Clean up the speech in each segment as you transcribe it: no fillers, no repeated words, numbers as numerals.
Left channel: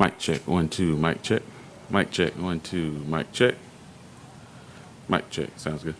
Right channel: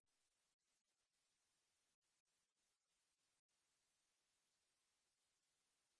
Mic check, 1 2, mic check. Mic check, 1 2, mic check. Mic check, sounds good.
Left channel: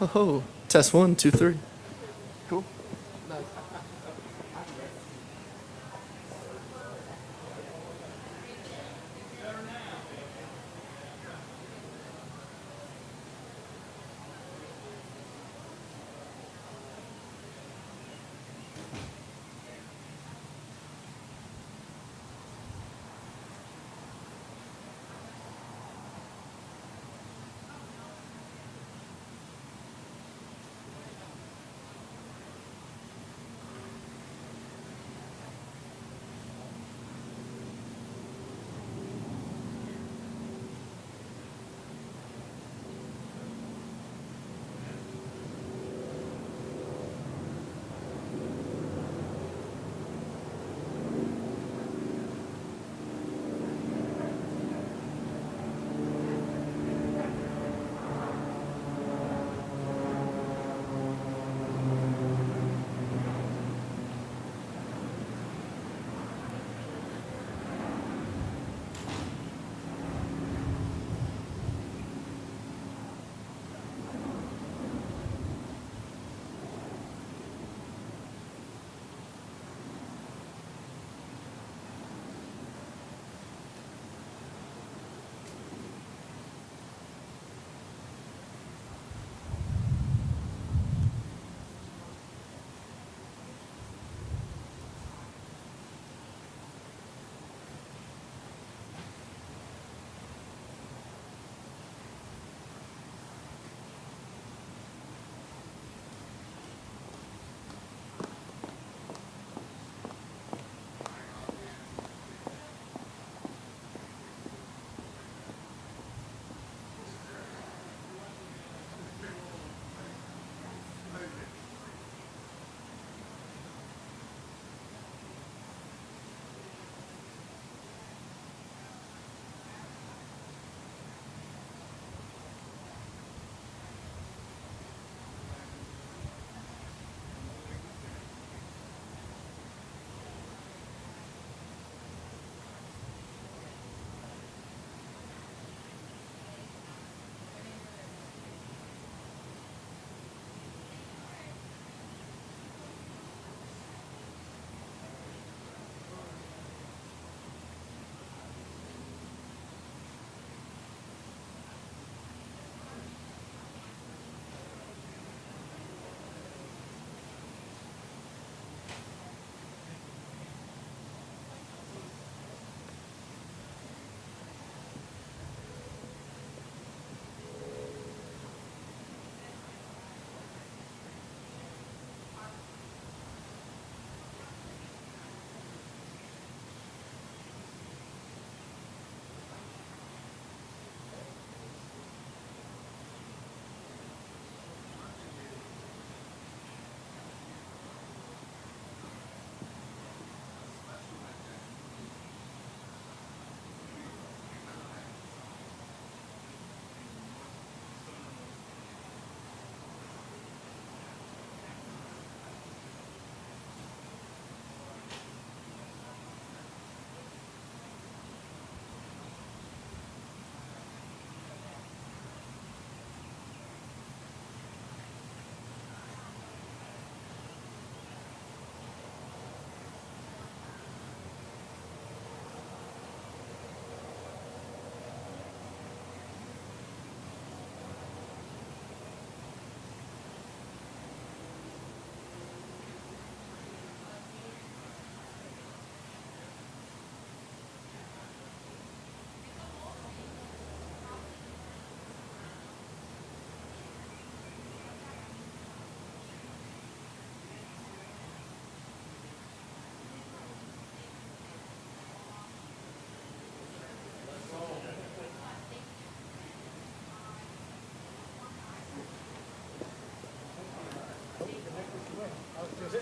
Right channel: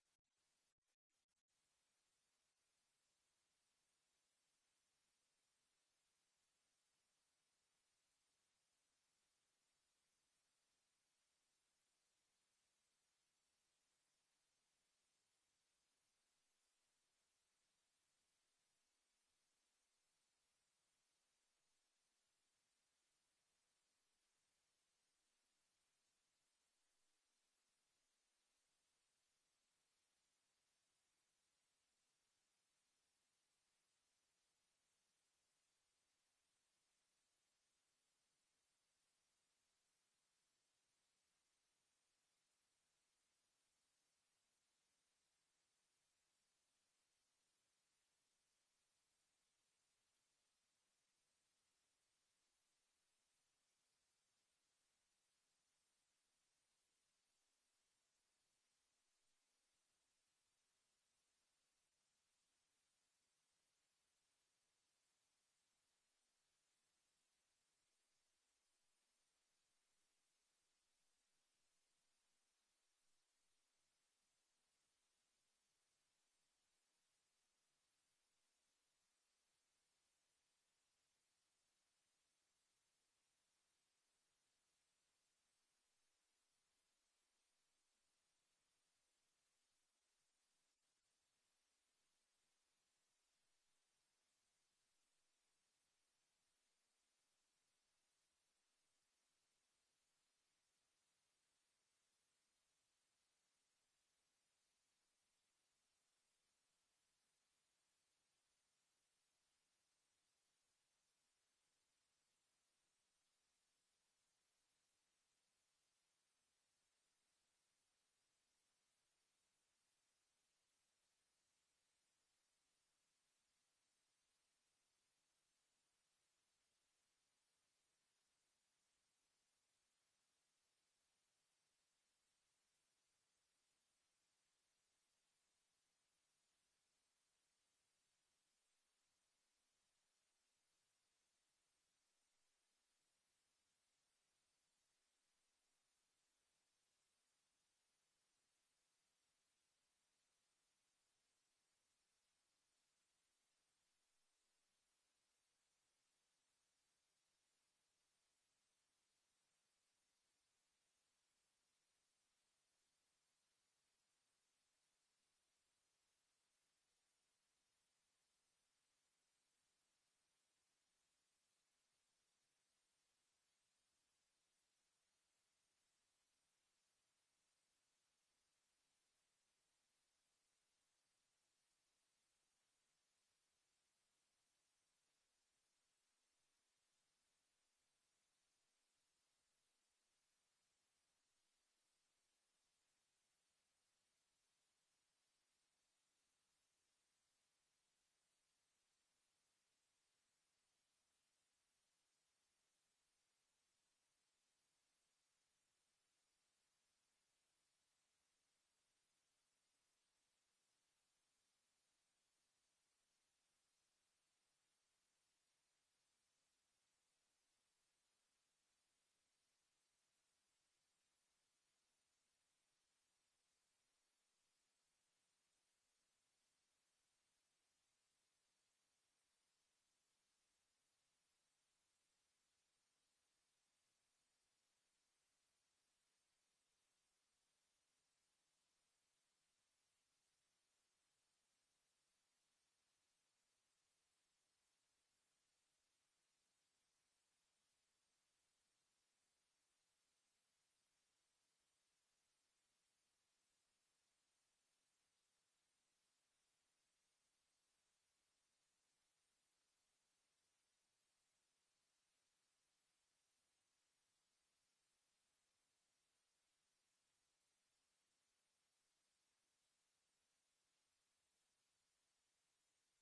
Oh, test 1, 2, 3. Cool.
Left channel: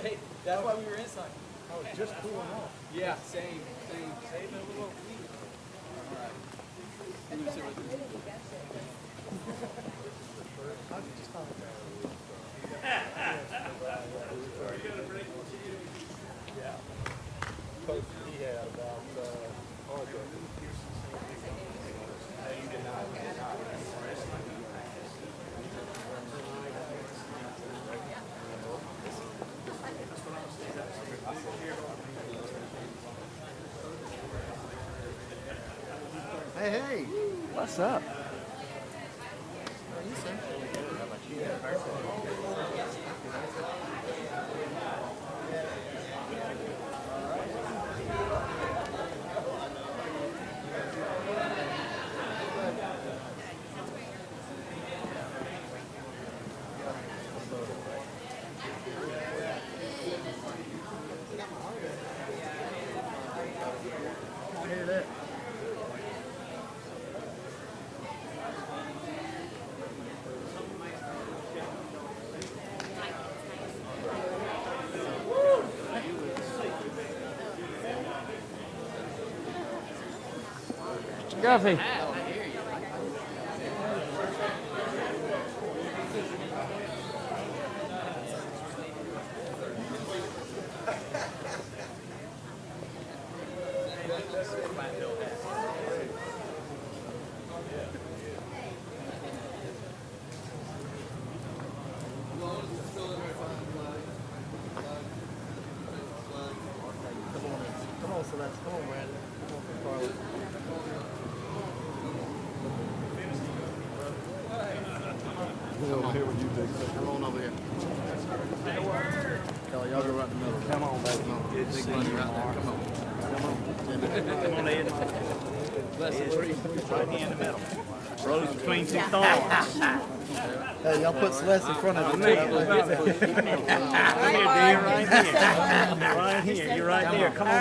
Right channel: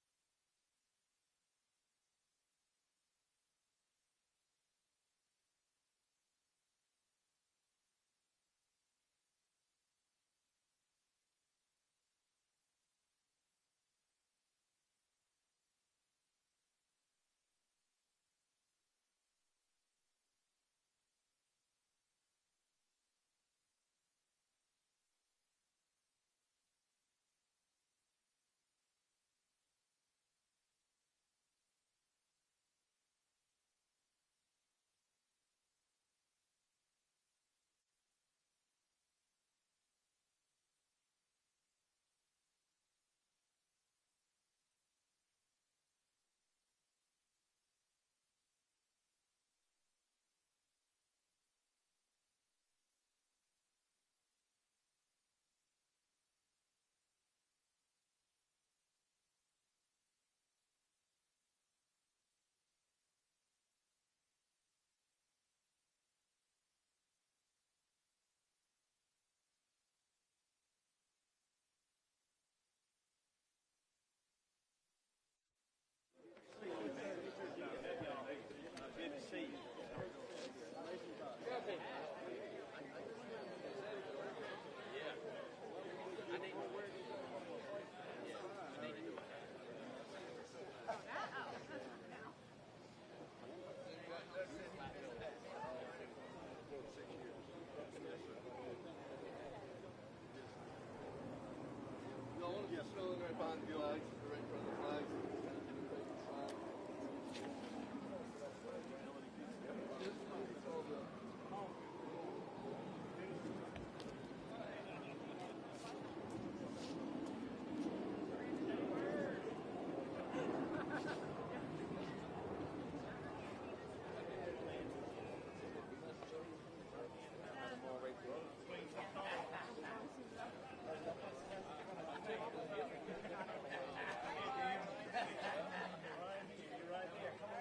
Hey, that's why we were inside. I was just cooling off. Yeah, same. Save it a little. All right. Let me sit right there. He had about What's up? Guffey. Come on, Celeste. Come on, Brandon. Come on, Carlos. Come on over here. Kelly, y'all go right in the middle. Come on, baby. Big money right there. Come on. Come on, Ed. Right here in the middle. Rose between two thorns. Hey, y'all put Celeste in front of me. Come here, dear. Right here. Right here. You're right there. Come on.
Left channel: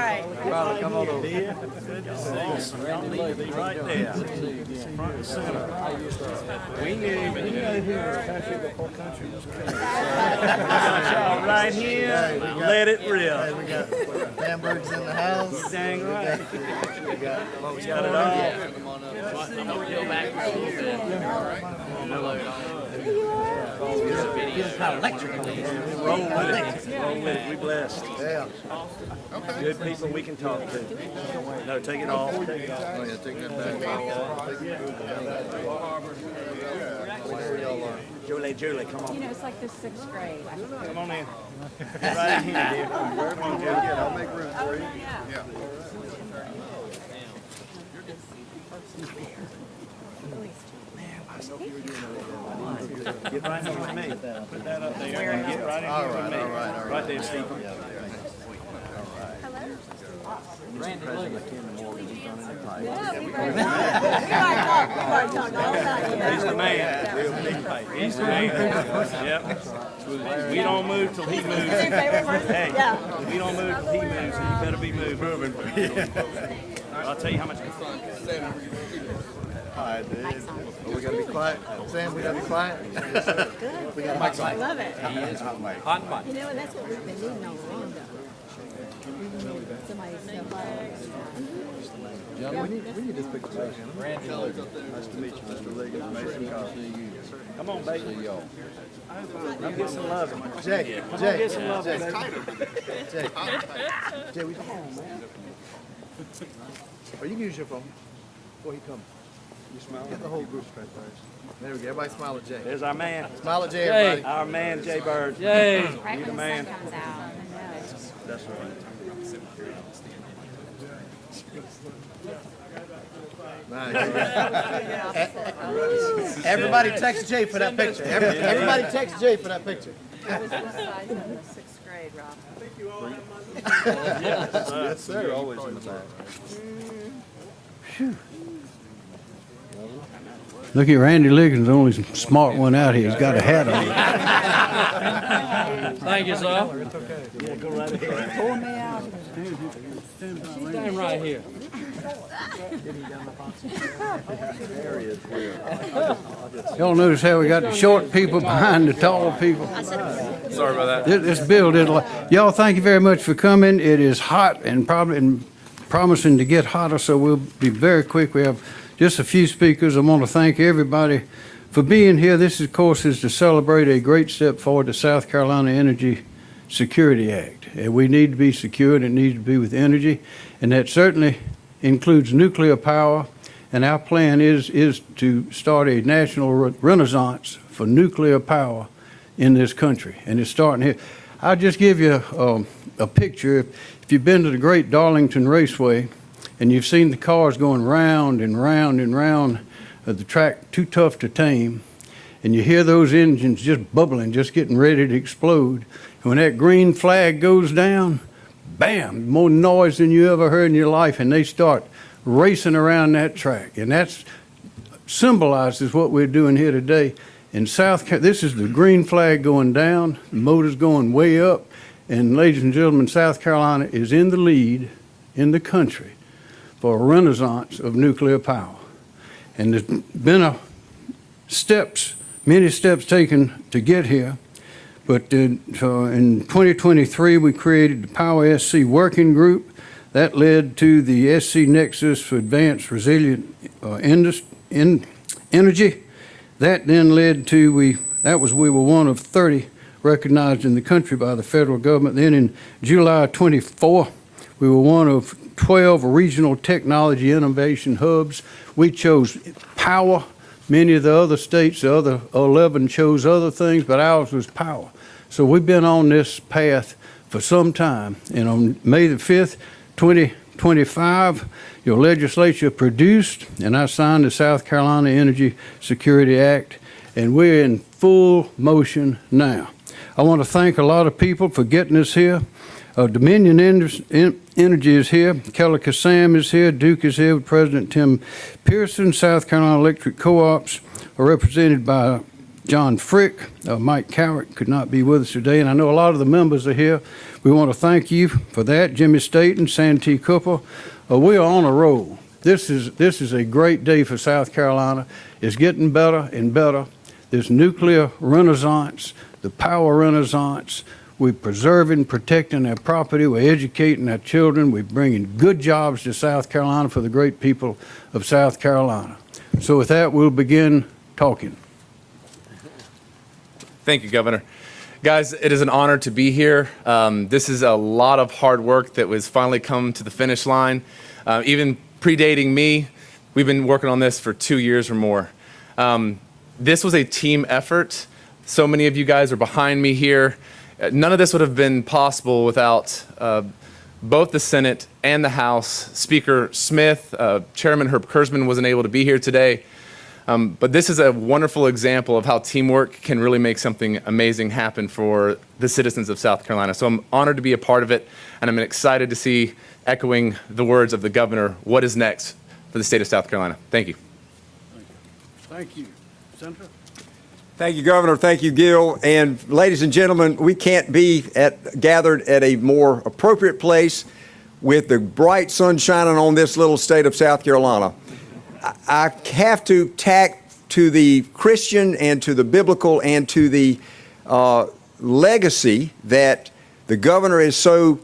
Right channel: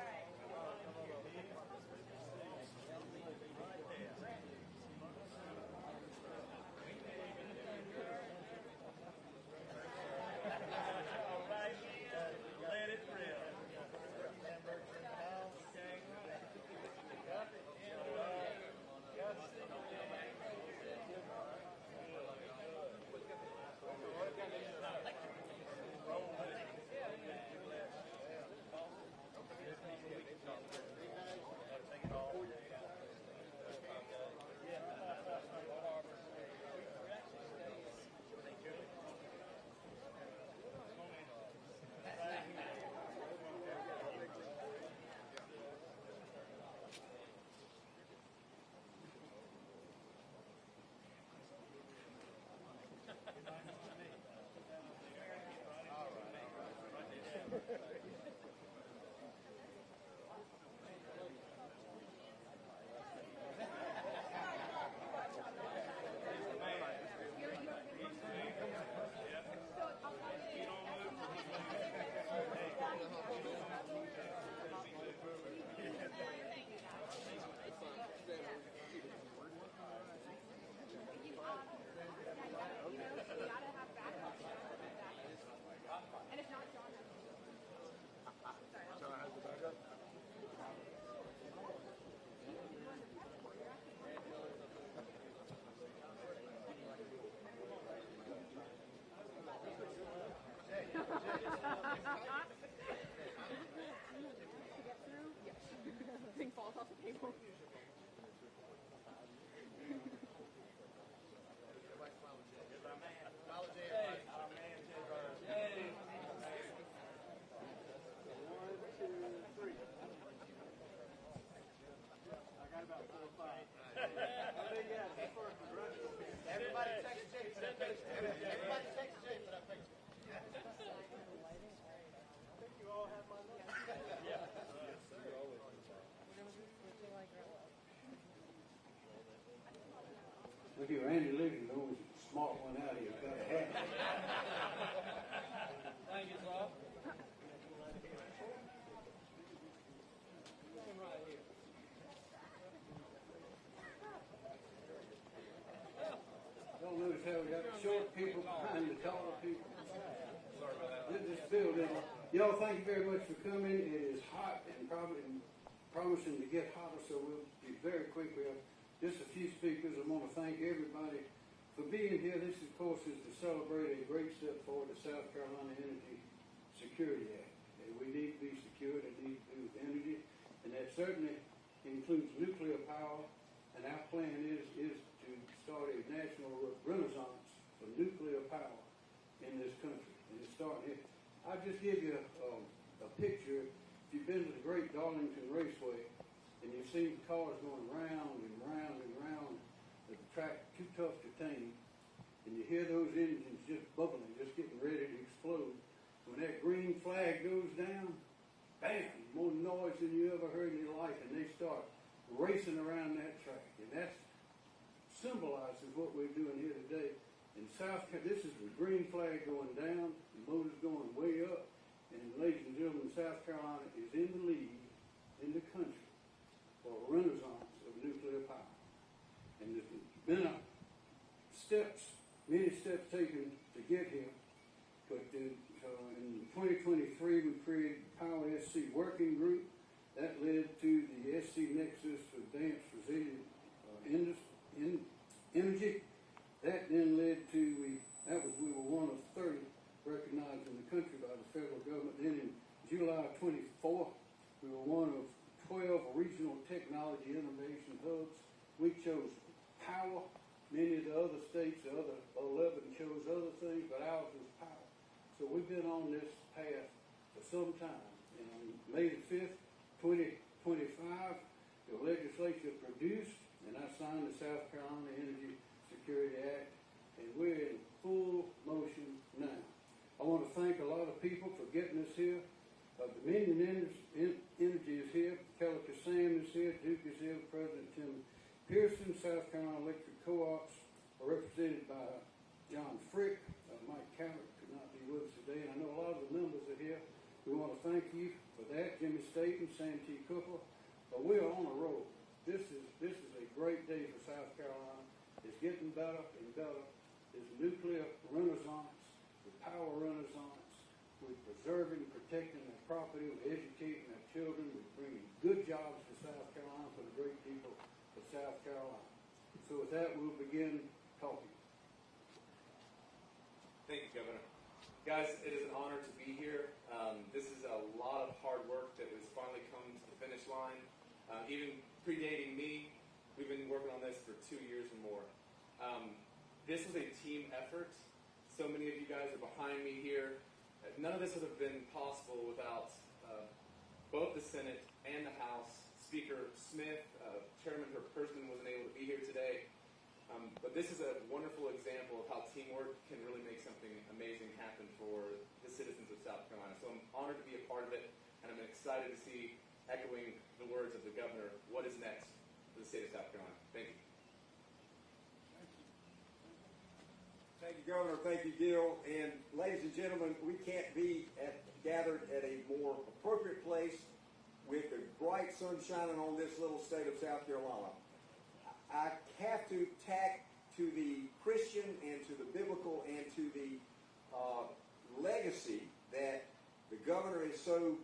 Riley, come on over. Dear. Good to see you. Y'all need to be right there. Front and center. We knew here country before country was country. Got y'all right here. Let it rip. Hey, we got hamburgers in the house. You dang right. We got it all. Roll with it. Roll with it. We blessed. Yeah. Good people we can talk to. No, take it off. Oh, yeah, take that back. Julie, come on. You know, it's like the 6th grade. Come on in. Right in here, dear. Come on, Julie. I'll make room for you. Yeah. Get right here with me. Put that up there and get right in here with me. Right there, Steve. He's the man. He's the man. Yep. We don't move till he moves. Hey, we don't move till he moves, so you better be moving. I'll tell you how much. All right, dude. We gotta be quiet. Sam, we gotta be quiet. Yes, sir. Good. We got I love it. Hot mic. You know, and that's what we've been needing all along, though. Somebody's so We need this picture back. Nice to meet you, Mr. Liggins. Mason Carter. Come on, baby. Come get some love. Jay, get some love, baby. Jay, we come on, man. Or you can use your phone before he comes. You smile. Get the whole group straight first. There we go. Everybody smile at Jay. There's our man. Smile at Jay, everybody. Our man, Jay Bird. Yay. right You when the the man. sun comes out. I know. That's right. Everybody text Jay for that picture. Everybody text Jay for that picture. I was inside in the 6th grade, Rob. Yes, sir. Always in the back. Look at Randy Liggins, the only smart one out here. He's got a hat on. Thank you, sir. Yeah, go right ahead. Pull me out. Stand right here. Y'all notice how we got the short people behind the tall people? Sorry about that. This build is like, y'all, thank you very much for coming. It is hot and probably promising to get hotter, so we'll be very quick. We have just a few speakers. I want to thank everybody for being here. This, of course, is to celebrate a great step forward, the South Carolina Energy Security Act. And we need to be secured. It needs to be with energy, and that certainly includes nuclear power. And our plan is to start a national renaissance for nuclear power in this country, and it's starting here. I'll just give you a picture. If you've been to the Great Darlington Raceway and you've seen the cars going round and round and round of the track too tough to tame, and you hear those engines just bubbling, just getting ready to explode. And when that green flag goes down, bam, more noise than you ever heard in your life, and they start racing around that track. And that symbolizes what we're doing here today. In South Carolina, this is the green flag going down, the motor's going way up, and ladies and gentlemen, South Carolina is in the lead in the country for a renaissance of nuclear power. And there's been many steps taken to get here. But so in 2023, we created the Power SC Working Group. That led to the SC Nexus for Advanced Resilient Energy. That then led to, we were one of 30 recognized in the country by the federal government. Then in July 24, we were one of 12 regional technology innovation hubs. We chose power. Many of the other states, the other 11 chose other things, but ours was power. So we've been on this path for some time. And on May the 5th, 2025, your legislature produced, and I signed the South Carolina Energy Security Act, and we're in full motion now. I want to thank a lot of people for getting us here. Dominion Energy is here. Keller Kassam is here. Duke is here with President Tim Pearson. South Carolina Electric Co-ops are represented by John Frick. Mike Cowick could not be with us today, and I know a lot of the members are here. We want to thank you for that. Jimmy Staten, Santee Cooper. We are on a roll. This is a great day for South Carolina. It's getting better and better. This nuclear renaissance, the power renaissance, we're preserving, protecting our property, we're educating our children, we're bringing good jobs to South Carolina for the great people of South Carolina. So with that, we'll begin talking. Thank you, Governor. Guys, it is an honor to be here. This is a lot of hard work that was finally come to the finish line. Even predating me, we've been working on this for 2 years or more. This was a team effort. So many of you guys are behind me here. None of this would have been possible without both the Senate and the House. Speaker Smith, Chairman Herb Kurzman wasn't able to be here today. But this is a wonderful example of how teamwork can really make something amazing happen for the citizens of South Carolina. So I'm honored to be a part of it, and I'm excited to see, echoing the words of the governor, what is next for the state of South Carolina. Thank you. Thank you. Senator? Thank you, Governor. Thank you, Gil. And ladies and gentlemen, we can't be gathered at a more appropriate place with the bright sun shining on this little state of South Carolina. I have to tack to the Christian and to the biblical and to the legacy that the governor is so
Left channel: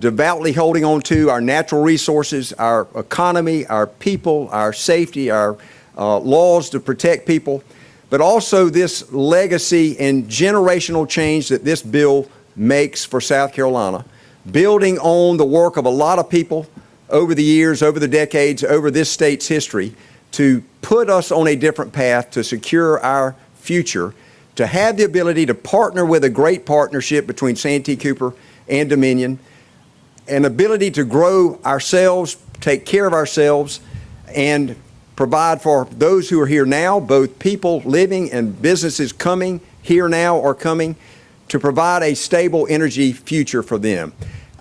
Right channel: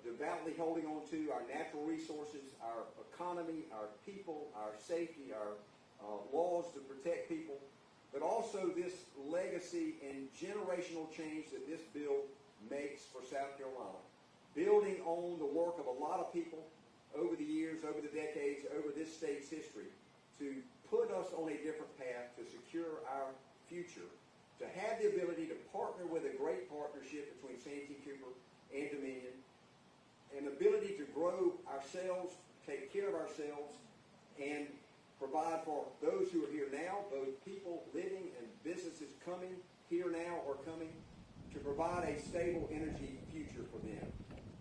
devoutly holding on to: our natural resources, our economy, our people, our safety, our laws to protect people, but also this legacy and generational change that this bill makes for South Carolina, building on the work of a lot of people over the years, over the decades, over this state's history, to put us on a different path to secure our future, to have the ability to partner with a great partnership between Santee Cooper and Dominion, an ability to grow ourselves, take care of ourselves, and provide for those who are here now, both people living and businesses coming here now or coming, to provide a stable energy future for them.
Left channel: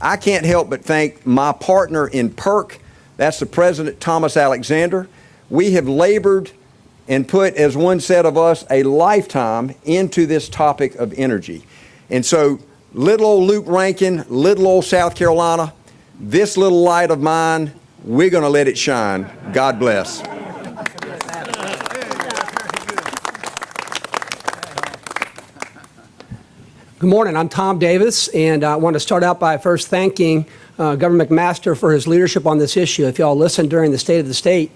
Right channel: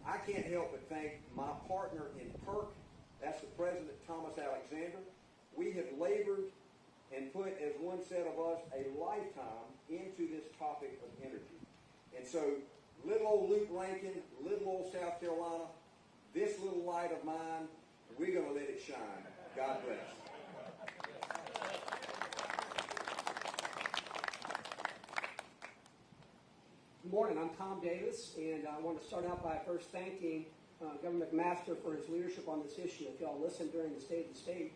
I can't help but thank my partner in PERC, that's the President Thomas Alexander. We have labored and put, as one said of us, a lifetime into this topic of energy. And so little old Luke Rankin, little old South Carolina, this little light of mine, we're going to let it shine. God bless. Good morning. I'm Tom Davis, and I want to start out by first thanking Governor McMaster for his leadership on this issue. If y'all listened during the State of the State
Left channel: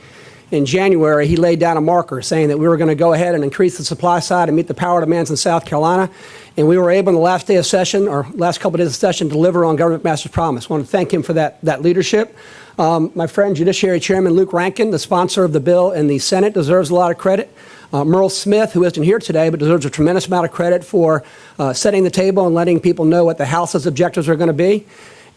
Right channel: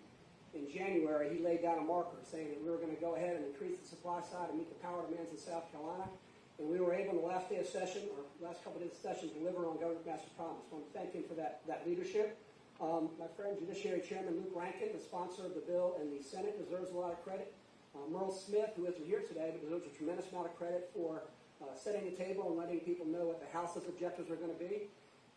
in January, he laid down a marker saying that we were going to go ahead and increase the supply side and meet the power demands in South Carolina. And we were able, in the last day of session, or last couple of days of session, deliver on Governor McMaster's promise. I want to thank him for that leadership. My friend, Judiciary Chairman Luke Rankin, the sponsor of the bill in the Senate, deserves a lot of credit. Merle Smith, who isn't here today, but deserves a tremendous amount of credit for setting the table and letting people know what the House's objectives are going to be.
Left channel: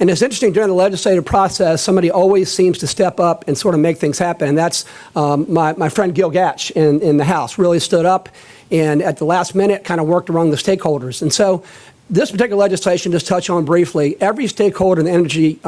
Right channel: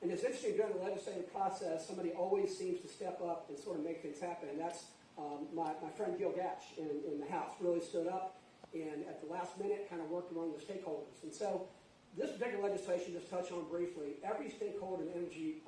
And it's interesting, during the legislative process, somebody always seems to step up and sort of make things happen. And that's my friend Gil Gatch in the House really stood up and at the last minute kind of worked around the stakeholders. And so this particular legislation, just touch on briefly, every stakeholder in the energy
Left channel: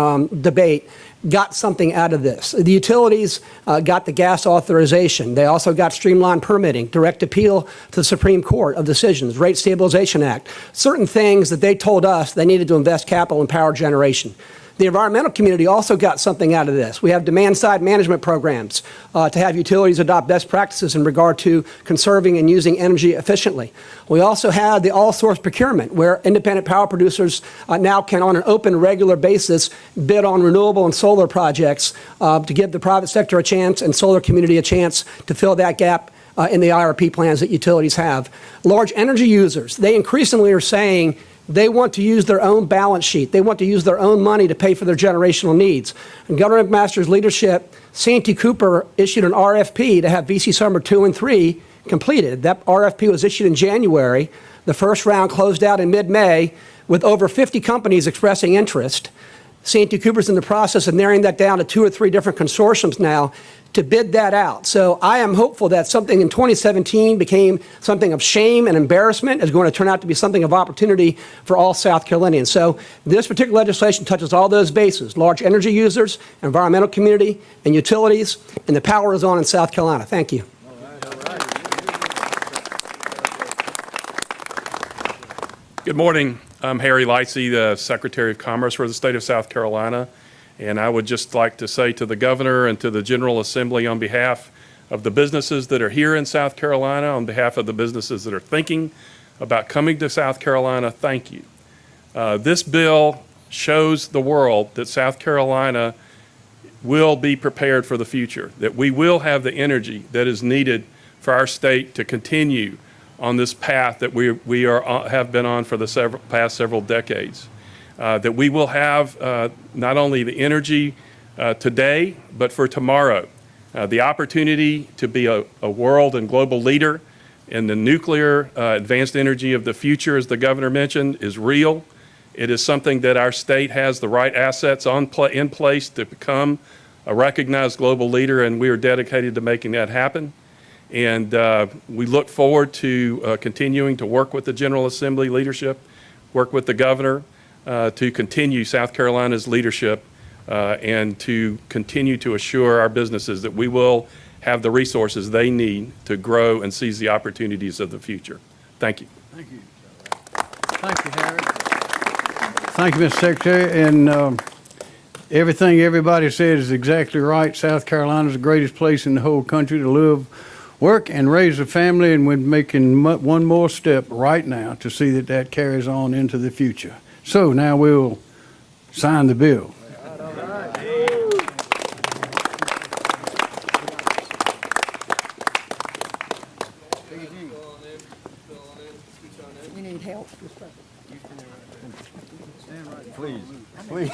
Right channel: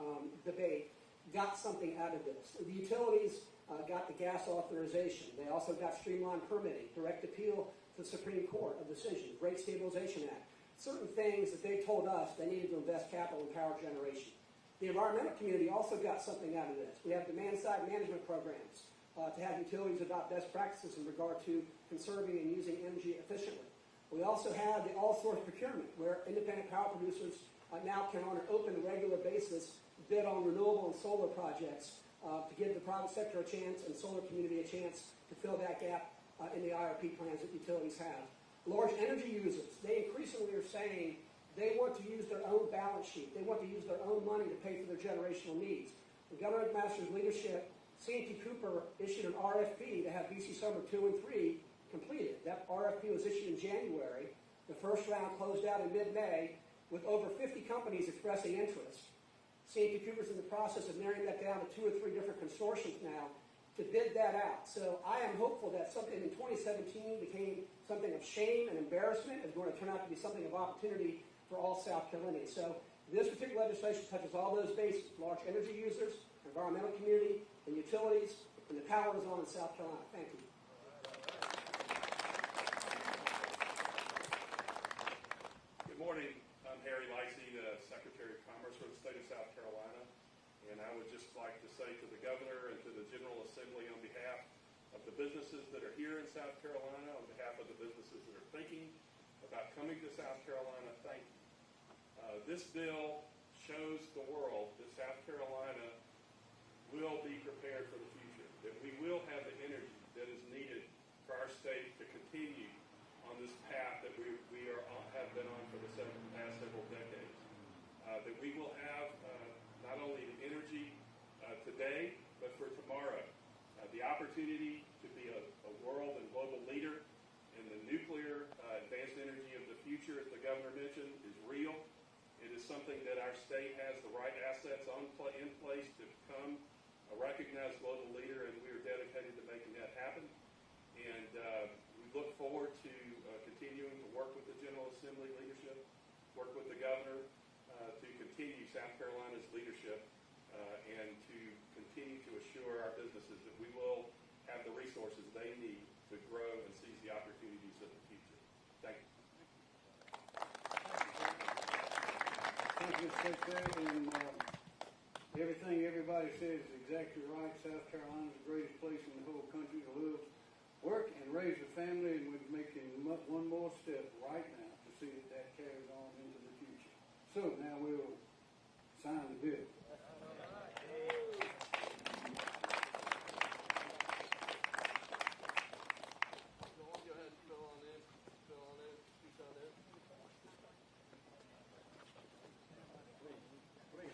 debate got something out of this. The utilities got the gas authorization. They also got streamlined permitting, direct appeal to the Supreme Court of decisions, Rate Stabilization Act, certain things that they told us they needed to invest capital in power generation. The environmental community also got something out of this. We have demand-side management programs to have utilities adopt best practices in regard to conserving and using energy efficiently. We also have the all-source procurement, where independent power producers now can, on an open, regular basis, bid on renewable and solar projects to give the private sector a chance and solar community a chance to fill that gap in the IRP plans that utilities have. Large energy users, they increasingly are saying they want to use their own balance sheet. They want to use their own money to pay for their generational needs. In Governor McMaster's leadership, Santee Cooper issued an RFP to have VC Summer 2 and 3 completed. That RFP was issued in January. The first round closed out in mid-May with over 50 companies expressing interest. Santee Cooper's in the process of narrowing that down to 2 or 3 different consortiums now to bid that out. So I am hopeful that something in 2017 became something of shame and embarrassment is going to turn out to be something of opportunity for all South Carolinians. So this particular legislation touches all those bases: large energy users, environmental community, and utilities, and the power is on in South Carolina. Thank you. Good morning. I'm Harry Lightsey, the Secretary of Commerce for the state of South Carolina. And I would just like to say to the governor and to the General Assembly, on behalf of the businesses that are here in South Carolina, on behalf of the businesses that are thinking about coming to South Carolina, thank you. This bill shows the world that South Carolina will be prepared for the future, that we will have the energy that is needed for our state to continue on this path that we have been on for the past several decades. That we will have not only the energy today, but for tomorrow. The opportunity to be a world and global leader in the nuclear advanced energy of the future, as the governor mentioned, is real. It is something that our state has the right assets in place to become a recognized global leader, and we are dedicated to making that happen. And we look forward to continuing to work with the General Assembly leadership, work with the governor, to continue South Carolina's leadership and to continue to assure our businesses that we will have the resources they need to grow and seize the opportunities of the future. Thank you. Thank you. Thank you, Harry. Thank you, Mr. Secretary. And everything everybody said is exactly right. South Carolina is the greatest place in the whole country to live, work, and raise a family, and we're making one more step right now to see that that carries on into the future. So now we'll sign the bill. We need help. Please, please.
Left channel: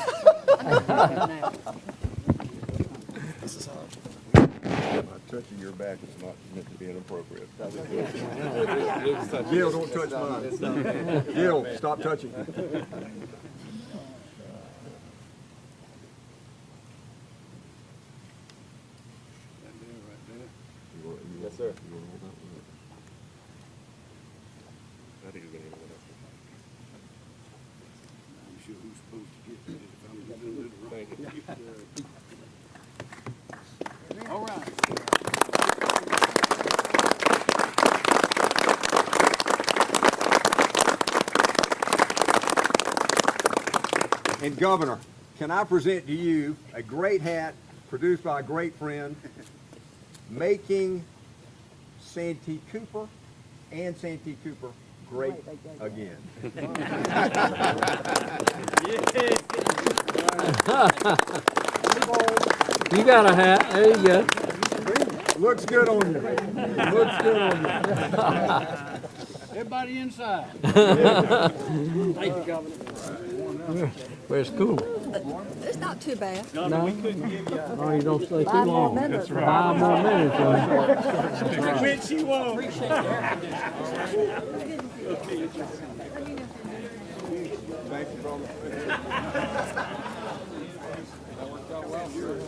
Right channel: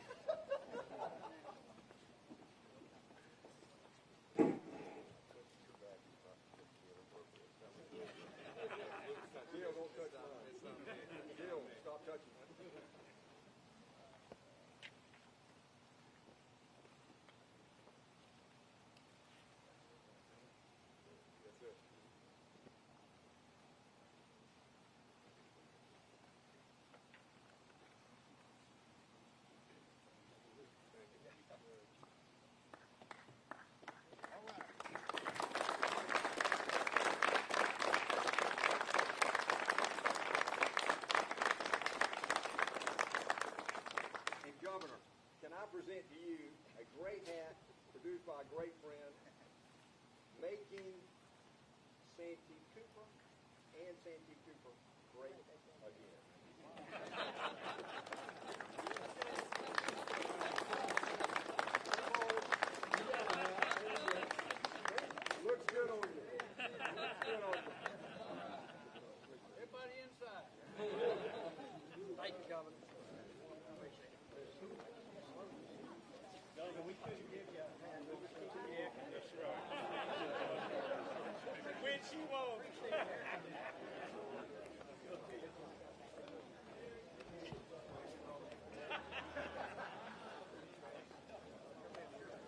Touching your back is not meant to be inappropriate. Gil, don't touch mine. Gil, stop touching. Yes, sir. All right. And Governor, can I present to you a great hat produced by a great friend, making Santee Cooper and Santee Cooper great again. You got a hat. There you go. Looks good on you. Looks good on you. Everybody inside. Thank you, Governor. Well, it's cool. It's not too bad. No, no, you don't stay too 5 more long. minutes. 5 more minutes. Which you won't. Thank you, brother. That worked out well, sir.